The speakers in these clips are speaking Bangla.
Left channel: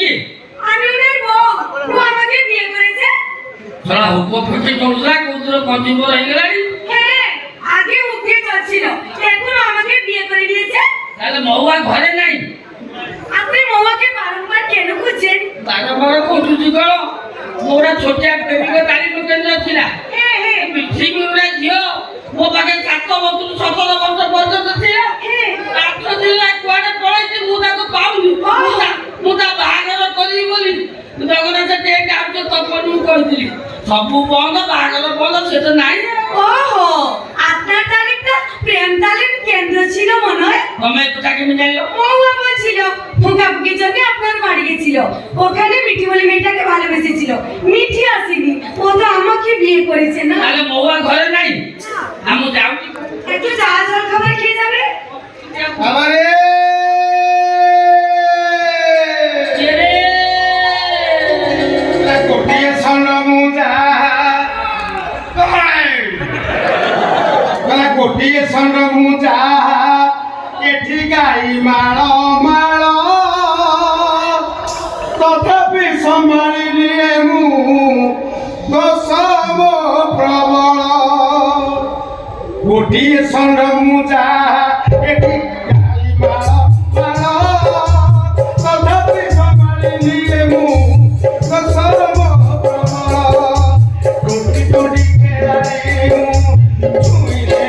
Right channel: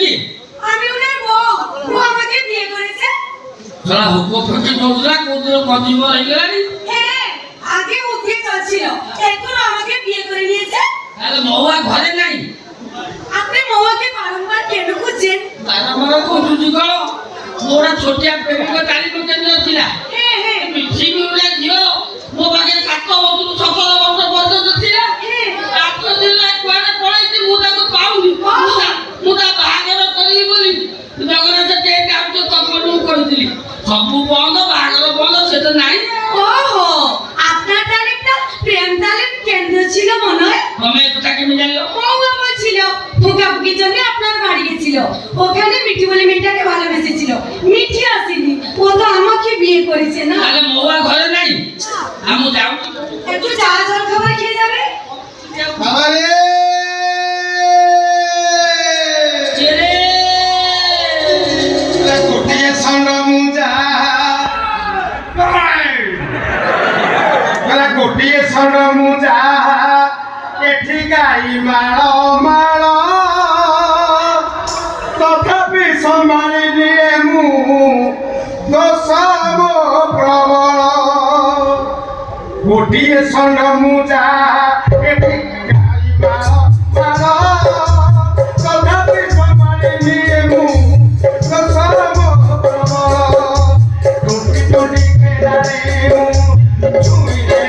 কি আমি ওনার বউ, ও আমাকে বিয়ে করেছে। সারা হুকো ফেটে বললা কোন কদিন হয়ে গেল হ্যাঁ, আগে মুখে চলছিল, এখন আমাকে বিয়ে করে নিয়েছে। তাহলে মহুয়া ঘরে নাই? আপনি মহুয়াকে বারংবার কেন খুঁজছেন? বারবার খুঁজুছি করো মোরা ছোটিয়া প্রেমিক তারিখ কেন্দ্র ଥିଲା হ্যাঁ হ্যাঁ মিছিমি উড়া ঝিও ମୋ ପାଖରେ 7 ବର୍ଷରୁ 17 ବର୍ଷ ପର୍ଯ୍ୟନ୍ତ ଥିଲା। 8 ଦିନ କୁଆଡେ ପଳେଇଛି ମୁଁ ତାକୁ ପାଉନି। ମୁଁ ତା ବାହାଘର କରିବି ବୋଲି ଜଗନ୍ନାଥ ଟିକେ କାମ ତପନକୁ କହିଥିଲି ସବୁ ବନ୍ଦ ବାହାଘର ବନ୍ଦ ସେ ତ নাই। ওহো, আপনার তারিখটা প্রেম তালিম কেন্দ্র ছিল মনে হয়। তুমি এটা কেমন জানলো? মহুয়া বলছিল ফুকাফুকির জন্য আপনার বাড়ি গেছিল, ওখানে মিঠি বলে মেয়েটাকে ভালোবেসেছিল। মিঠি আসেনি, ও তো আমাকে বিয়ে করেছে না। তাহলে মহুয়া ঘরে নাই? আমি যাচ্ছি একটু চা জল খাবার খেয়ে যাবে। আমারে ছেড়ে কোটিয়ে সন মুজা কোটিয়ে সন মুজা এঠি গাই মাଳ মাଳ তথাপি সম্ভাଳି নিয়ে মু গোসাব প্রবଳ কোটিয়ে সন মুজা এঠি গাই মাଳ মাଳ তথাপি সম্ভাଳି নিয়ে মু গোসাব প্রবଳ টুটি টুটি খেলারে মু ছুঁইলে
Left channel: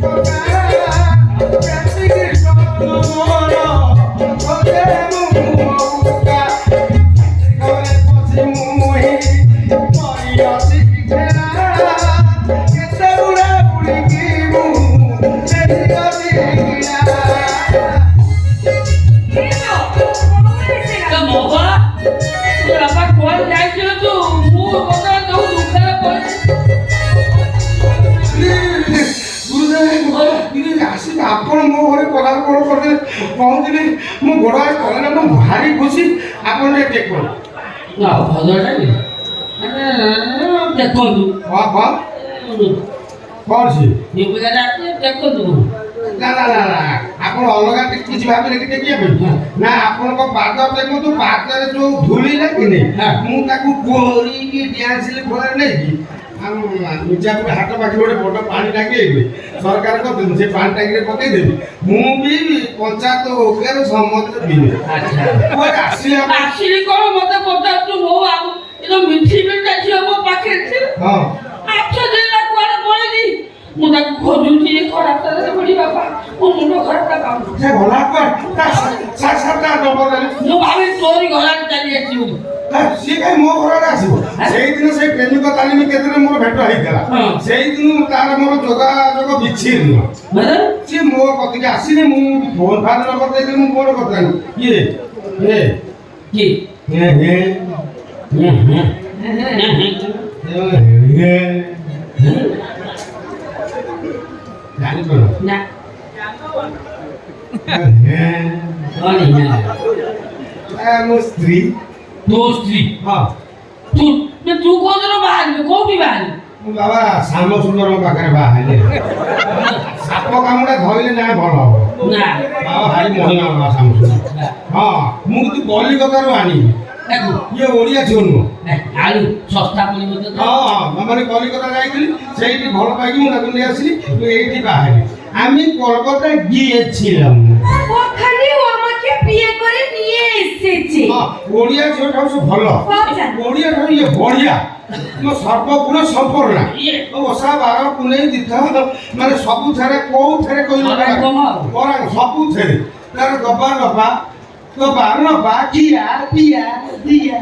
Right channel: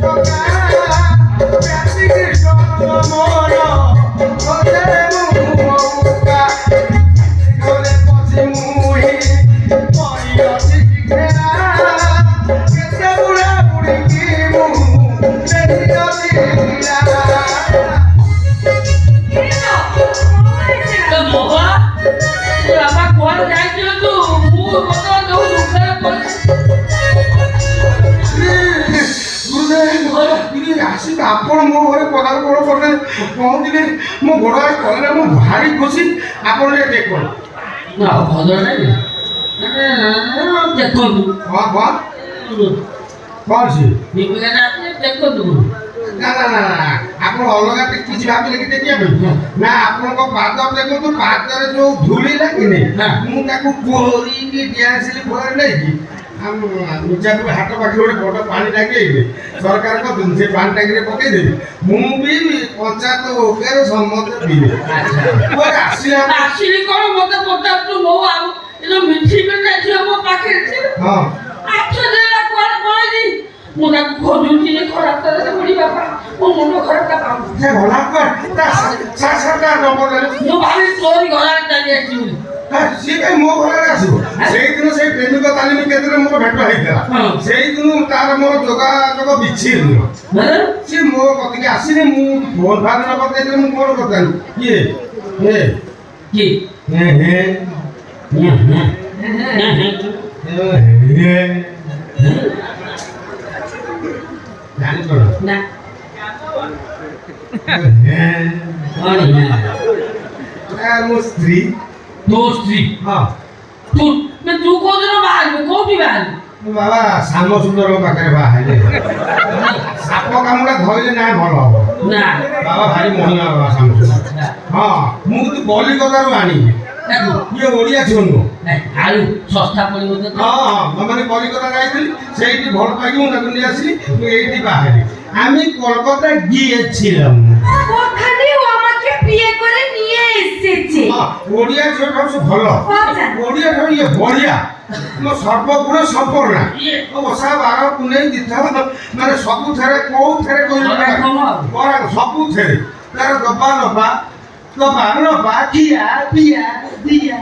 ঠকা প্রাতি কৃষ্ণ মোর ওতে মু মৌকা ঘরে বসি মুই পরিয়সি খেলা কেতে বুড়া বুড়ি কি মু বেরিয়সি গিয়া মহুয়া তুই আমার ঘরে যাইছিল তো ମୁଁ କଥା ଯୋଉ ଦୁଃଖରେ ପଡିଛି ଆସିକି ଆପଣ ମୋ ଘରେ ପଦାର୍ପଣ କଲେ ପହଞ୍ଚିଲେ ମୋ ଗୋଡ଼ ହାତ କଲେ ମୁଁ ଭାରି ଖୁସି ଆପଣ ଟିକେ ଦେଖନ୍ତୁ ନା ଭଜା ନାହିଁ ଦେଖନ୍ତୁ ହଁ ହଁ କ'ଣ ସେ ଦୀପିକା ଦେଖନ୍ତୁ ନା ନା ନା ନା ଆପଣ ଅଲଗା କିଛି ଭାବିଲେ କି ଦେଖିବା ପାଇଁ ନା ଆପଣଙ୍କ ପାଦ ଦେଖନ୍ତୁ ପାଦରେ ଯୋଉ ଧୂଳି ଲାଗିନି ମୁଁ ତାକୁ କୋରିକି ଡ୍ୟାନ୍ସଲି ଫଳରେ ନେଇକି ଆଉ ମିର୍ଜାପୁର ହାଟ ପାଖରେ ଗୋଟେ ବଡ଼ ପାଣି ଟାଙ୍କି ହେଇଛି ସରକାରଙ୍କ ସେ ପାଣି ଟାଙ୍କିରେ ପକେଇଦେବି ମୁଁ ବି ପଞ୍ଚାୟତ ଓକେରେ ସମସ୍ତେ ପିଇବେ ଆସିଲା ଆସିଲି କ'ଣ ମତେ ପଚାରୁଛୁ ବୋଉ ଆଉ ଏ ଯୋଉ ମିଠି ମିଠା ଝିଅ ମୋ ପାଖରେ ଥିଲା ହଁ 8 ଦିନ କୁଆଡେ ପଳେଇଛି ମୁଁ ତାକୁ ଖୋଜୁଛି ଖରାପ ତାରେ ବୁଢୀ ବାପା ମୋ ମୁଣ୍ଡ ଖରାପ ପାଉନି ସେ ଗଲା କୁଆଡ଼େ ସାତଟା ନମ୍ବର ମୁଁ ଭାବି ତୋରି ଘରେ ଚାଲି ଆସିବି ସିଏ କାହିଁ ମୋ ଘରରେ ଆସିବ ସେଇଦିନ ସେଇ ପ୍ରେମିକ ତାଲିମ କେନ୍ଦ୍ରରେ ମୋର ଭେଟ ହେଇଥିଲା ସେଇଦିନ ତାର ମୋର ଯୋଗାଯୋଗ ବିଚ୍ଛିନ୍ନ ସିଏ ମୋ କତିକି ଆସିନି ମୁଁ ଫୋନ ଫାନ ନମ୍ବର ଦେଇଥିଲି ମୁଁ ମୋର କଥା କିଏ କି ଜାଣିପାର ନା ମୋ ସ୍ତ୍ରୀ ତୋ ସ୍ତ୍ରୀ ହଁ ତୁ ତୁ କୋଉଦିନ ବାହାରିବୁ କୋଉଠି ବାହାରିବୁ ମୁଁ ବାବା ଶ୍ୟାମ ସୁନ୍ଦରଙ୍କ ପାଖରେ ବାହା ହେଲେ ସାପ କାମୁଡ଼ା ଧଇଲେ ନା ଭଲ ହବ ନା ବାବା ଭାରି ମହିମା ବାବା ଶ୍ୟାମ ସୁନ୍ଦର ହଁ ମୁଁ କିନ୍ତୁ କଲିକତାରୁ ଆଣିବି ଦେଖୁ ଇଏ ଓଡ଼ିଆ ଝିଅ ନୁହଁ ଆଳୁ ଶସ୍ତା ପଡ଼ିବ ହଁ ମାନେ কলিকতা ଯାଇଥିଲି সেইটি ভাল পাইকি ମୁଁ তাকে নিয়ে আসি এইটি বাহারি আমি কলকাতা গিয়েছিলাম ওখানে ও আমাকে বিয়ে করে নিয়ে এসেছে। ওড়িয়া ঝিଅଟା হচ্ছে ଭଲ ওড়িয়া ঠাରୁ ଇଏ ବଢିଆ ମୋ ସର୍ବଗୁଣ ସମ୍ପୂର୍ଣ୍ଣ ଓ ଓଷା ବାର ପୁନେଇ ତୀର୍ଥ ମାନେ ସବୁଥିରେ କୋଉଥିରେ କହିଲେ ସବୁଥିରେ ତାର ଦବା ନବା ଖିଆ ପିଆ ଦିଆ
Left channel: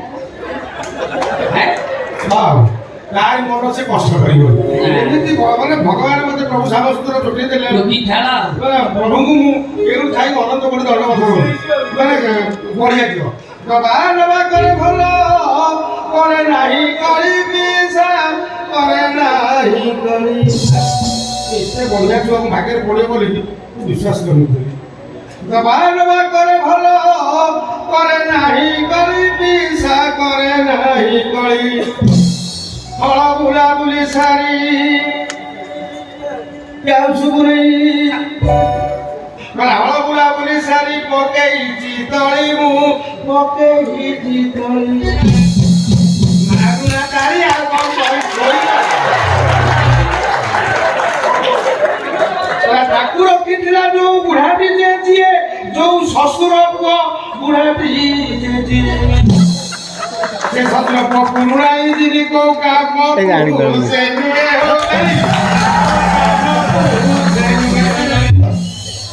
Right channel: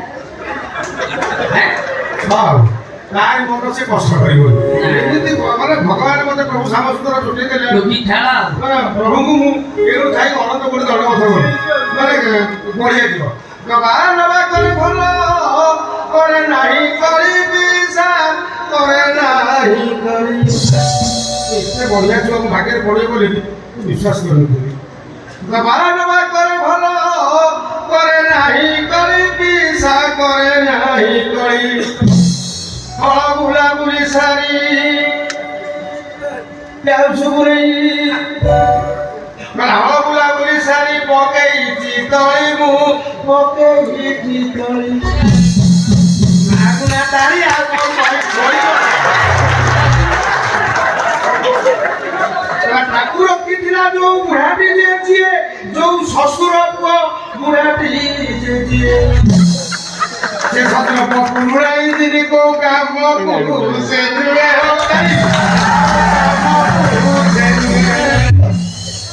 ବାଉ ତାରି ମନ ସେ କଷ୍ଟ କରିବ ଏମିତି ମାନେ ଭଗବାନ ମତେ ପ୍ରଭୁ ଶ୍ୟାମସୁନ୍ଦର ଯୋଟେଇ ଦେଲେ ପ୍ରଭୁଙ୍କୁ ମୁଁ ଏରୁ ଥାଇ ଅନନ୍ତ କୋଟି ଦଣ୍ଡବତ ମାନେ ବଢିଆ ଯିବ ନବା କରେ ଭଲ କରେ ନାହିଁ କରିବି କରେ ନାହିଁ କରି ଏତେ ବଢିଆ ଯିବ ମୋ ଭାଗ୍ୟରେ ପଡ଼ିବ ବୋଲି ବିଶ୍ୱାସ କରୁନଥିଲି ନବା କରେ ଭଲ କରେ ନାହିଁ କରିବି କରେ ନାହିଁ କରି ହଳ ବୁଲାବୁଲି ସାରି ଯାଉଛୁ ବୁଲେଇ ହଳ ବୁଲାବୁଲି ସାରି ପକେଇଛି ତଳି ମୁଁ ପକେଇଛି ତଳି ମାଗୁଣା ତାରି ଆଉ କଣ କରି ଶୋଇ ଠାକୁର କିଥିଲା ଯୋଉ ବୁଢାଟି ଯେ ଯିଏ ଯୋଉ ଶ୍ୱଶୁର ପୁଅ ବୁଢାଟି ଯେ ଯିଏ ସେ ସତ୍ର ପକୁଣାଇ ଦିନି କୋଉ କାମ ସେ ନୁହେଁ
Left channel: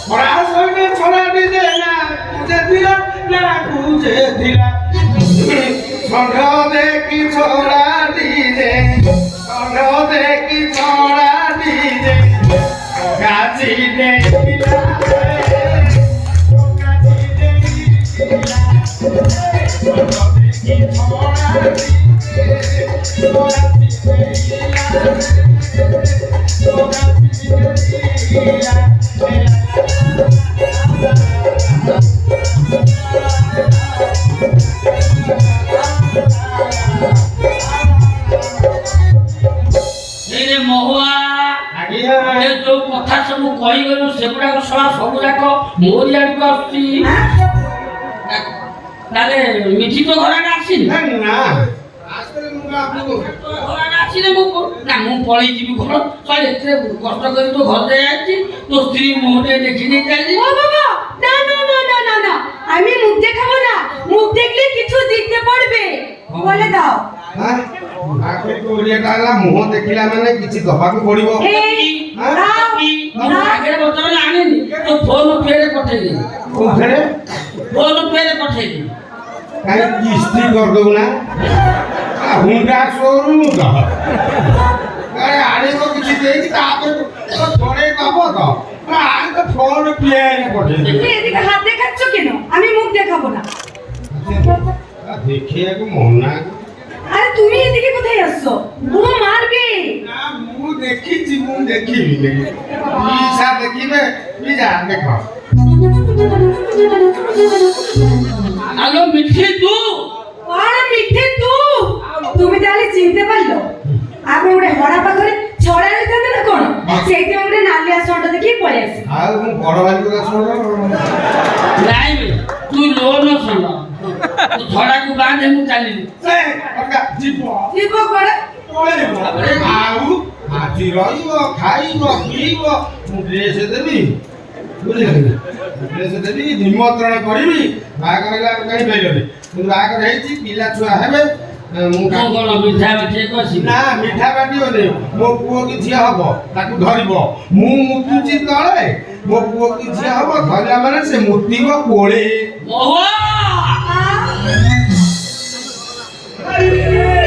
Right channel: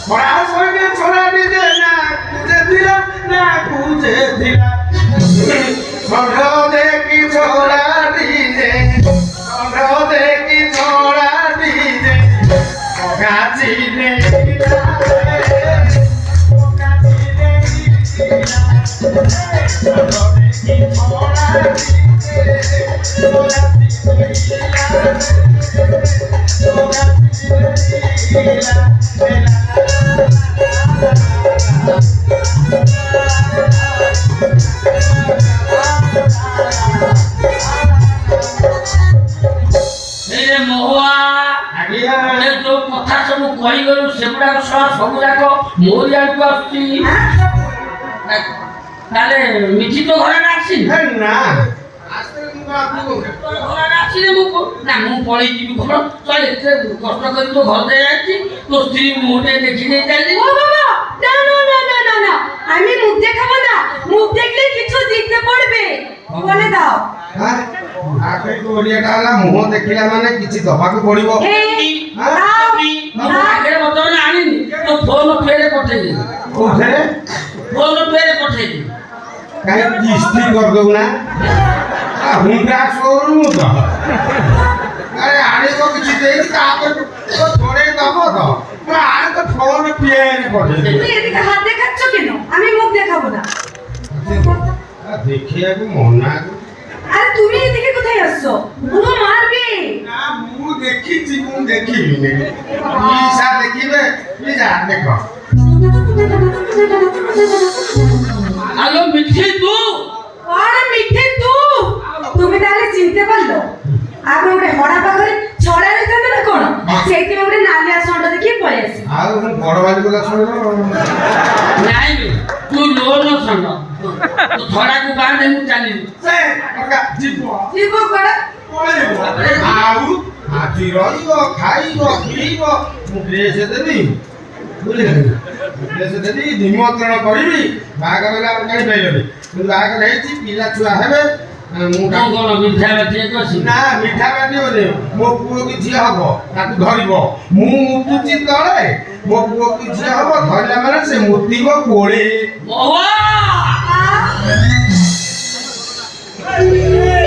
ଛଡ଼ା ଶୋଇବେ ଛଡ଼ା ନିଜେ ନା କୁଜେ ଥିଲା ଷଣ୍ଢ ଦେଖି ଛଡ଼ା ନିଜେ ଷଣ୍ଢ ଦେଖି ଛଡ଼ା ନିଜେ ଗାଛି ନେଇଥିଲା ଯୋଉ କଥା ସବୁ କହିଗଲୁ ସେଗୁଡାକ ସବୁ ଯାକ ମୋରି ଆଡକୁ ଆସୁଛି। ତାହେଲେ ମିଠି ତ ଘରଟା ଆସିନି ନା ଆସିଲେ ମୁଁ ପଳେଇ ଯିବି ଘର ଏତେ କଷ୍ଟ କରି ତୋ ଘର ଯାଇ ଆସିଛି ତୋ ସ୍ତ୍ରୀ ମୁହଁଟେ ଦେଖି ନେଇ ଚାଲିଛି। ও বাবা না না না না না না আমি মুখ দেখাবো না মুখ দেখলে কিছু দিতে পড়বে বলে দাও ওড়িয়াটা ହେଲା ମୁହଁ ଦେଖିଲା ମାନେ କିଛି ଦବାକୁ ପଡିବ। এই ଆଗରେ ବର୍ତ୍ତମାନ ଆଣିନି ତୋ ଫୋନ ପେରେ ପଠେଇଦେବି କୋଉଥିରେ ଫୋନ ପେରେ ପଠେଇଦେବି କାହିଁ କିସ୍ତି କରିଦଉ ନା ହୁଣ୍ଡା ସୋରୁମ ତ ଆଣିବ କିଛି ଦେଇକି ତାପରେ ଛଡେଇ ଦବ ତ ଆଣି ତ ଫୋନ ପିଆରେ ପଠେଇଦେବି। তুমি এদিকে হাত দেখাচ্ছ কেন আমি মুখ দেখাবো না ଦେଖିବାକୁ ମନା আরে তুমি এদিকে কোথায় আসছো ও মারবে ନା ମୁଁ ଦେଖିଛି ମୁଁ ଦେଖିବିନି ପିସା ଦେଖିବେ ପିସା ଦେଖ আলো মিঠি তু আরে মিঠে তুমি তাহলে চিনতে পারলো আপনি ଗୋଟେ হড়া পাখরে ছড়া রইতেন না কোন সেইতে ଗୋଟେ নালিয়া সন্ট দেখি পড়ে আসি ଆଉ ମୁଁ ବଡ ଭାଇ କଥା ଶୁଣିବ ନାଇଁ ବେ ତୁ ଲୋନ ଶୁଣ ତୁ ଝଡ଼ାକୁ ବାନ୍ଧେ ମୁଁ ଚାଲିଲି ସେ ଟଙ୍କା ଯିବ ଯିବ କୁଆଡେ ପଳେଇବ ଆଉ ଆଜି ରହିବ ଖାଇବ ପିଇବ ମୁଁ ଡ୍ରେସ୍ ଦେବି ବୁଝିଲେ ଡ୍ରେସ୍ ଦେବି ନିମନ୍ତ୍ରଣ କରିବି ବାହାଘର ହେଲେ ଆମେ ଜାଣିପାରିଲନି କିନ୍ତୁ ବାହାଘର ହେଇଛି ପିଲା ଛୁଆ ହେବେ ମୁଁ କଣ ମିଠା ବାଟିଏ କଷି ନା ମିଠା ବାଟିବନି ମୋ ପୁଅ କି ଝିଅ ହବ ତାକୁ ଧରିବ ମୁଁ ମୁତୁଛି ତଳେ ମୋ ପୁଅ କି ଝିଅ ହବ ଧରିଲା ମାନେ ସେ ମୁତିବ କୋଳେ ମହୁଆ